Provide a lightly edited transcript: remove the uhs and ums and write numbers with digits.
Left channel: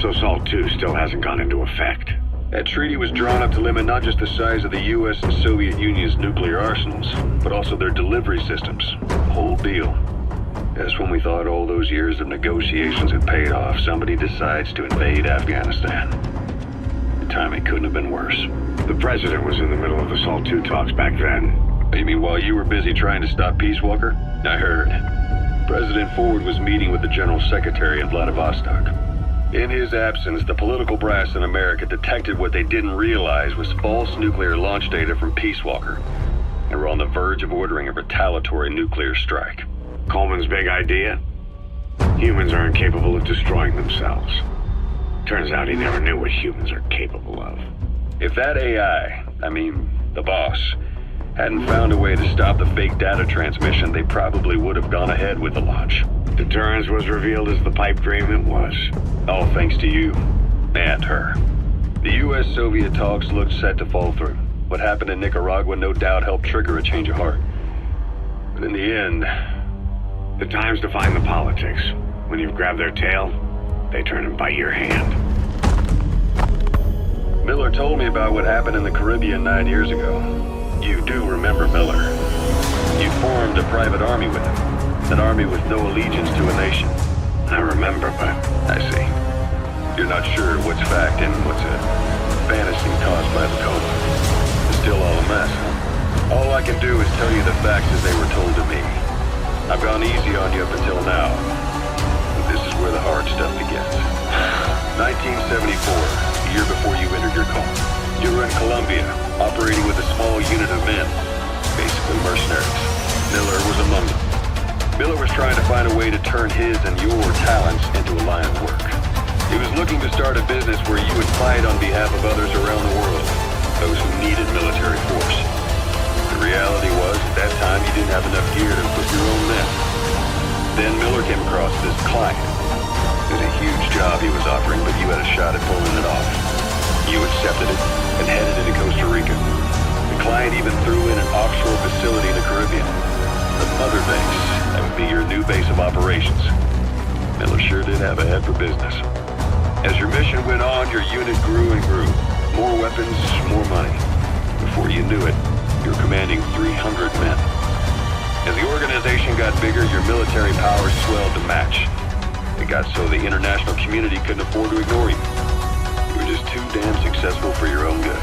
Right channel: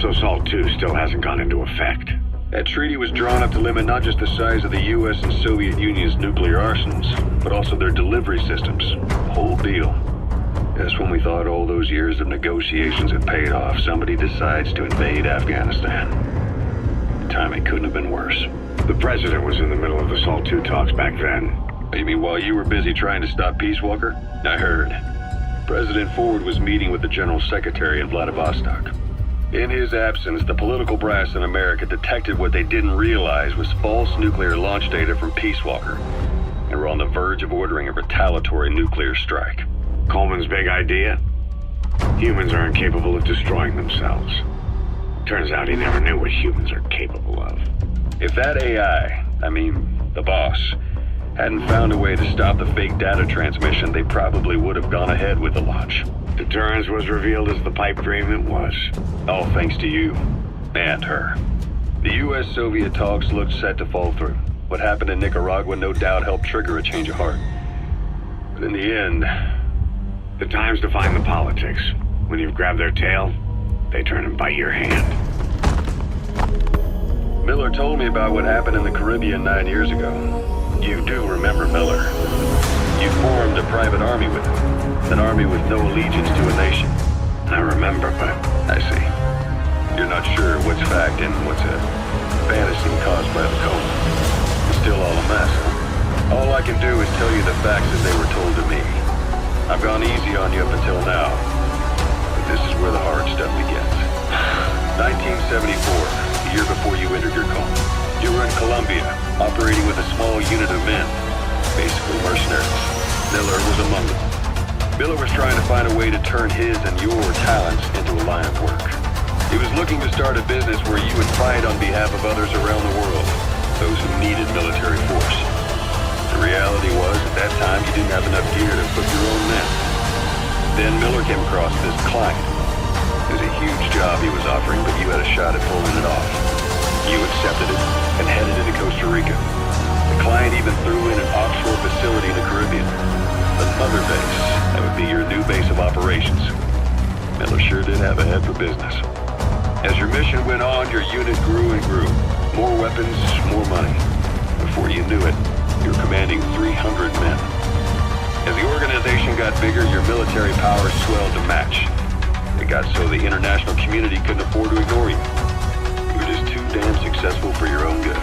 So SALT II still hasn't gone into effect. That treaty was drawn up to limit not just the size of the US and Soviet Union's nuclear arsenals, but also their delivery systems. The whole deal. Just when we thought all those years of negotiations had paid off, somebody decides to invade Afghanistan. The timing couldn't have been worse. The president was in the middle of the SALT II talks back then. You mean while you were busy trying to stop Peace Walker? I heard. President Ford was meeting with the General Secretary in Vladivostok. In his absence, the political brass in America detected what they didn't realize was false nuclear launch data from Peace Walker, and were on the verge of ordering a retaliatory nuclear strike. Coleman's big idea? Humans are incapable of destroying themselves. Turns out he never knew what humans are capable of. If that AI, the boss, hadn't found a way to stop the fake data transmission, they probably would have gone ahead with the launch. Deterrence was revealed as the pipe dream it was. All thanks to you. And her. The US-Soviet talks looked set to fall through. What happened in Nicaragua no doubt helped trigger a change of heart. But in the end... The time's to find the politics. When you've grabbed their tail, they turn and bite your hand. Miller told me about what happened in the Caribbean 9 years ago. You do remember Miller. You formed a private army with him. An army with no allegiance to a nation. I remember, but... I see. You're not sure what's fact and what's a fantasy caused by the Coleman. It's still all a mess, huh? All I can do is tell you the facts as they were told to me. I've gone easy on you up until now, but this is where the hard stuff begins. 1974, the year before you entered your coma. You were in Colombia, operating with a small unit of men, basically mercenaries. Miller was among them. Miller was trying to find a way to turn his and your talents into a line of work. He was looking to start a business where you would fight on behalf of others around the world, those who needed military force. The reality was, at that time, you didn't have enough gear to equip your own men. Then Miller came across this client. It was a huge job he was offering, but you had a shot at pulling it off. You accepted it and headed into Costa Rica. The client even threw in an offshore facility in the Caribbean. The mother base. That would be your new base of operations. Miller sure did have a head for business. As your mission went on, your unit grew and grew. More weapons, more money. Before you knew it, you were commanding 300 men. As the organization got bigger, your military powers swelled to match. It got so the international community couldn't afford to ignore you. You were just too damn successful for your own good.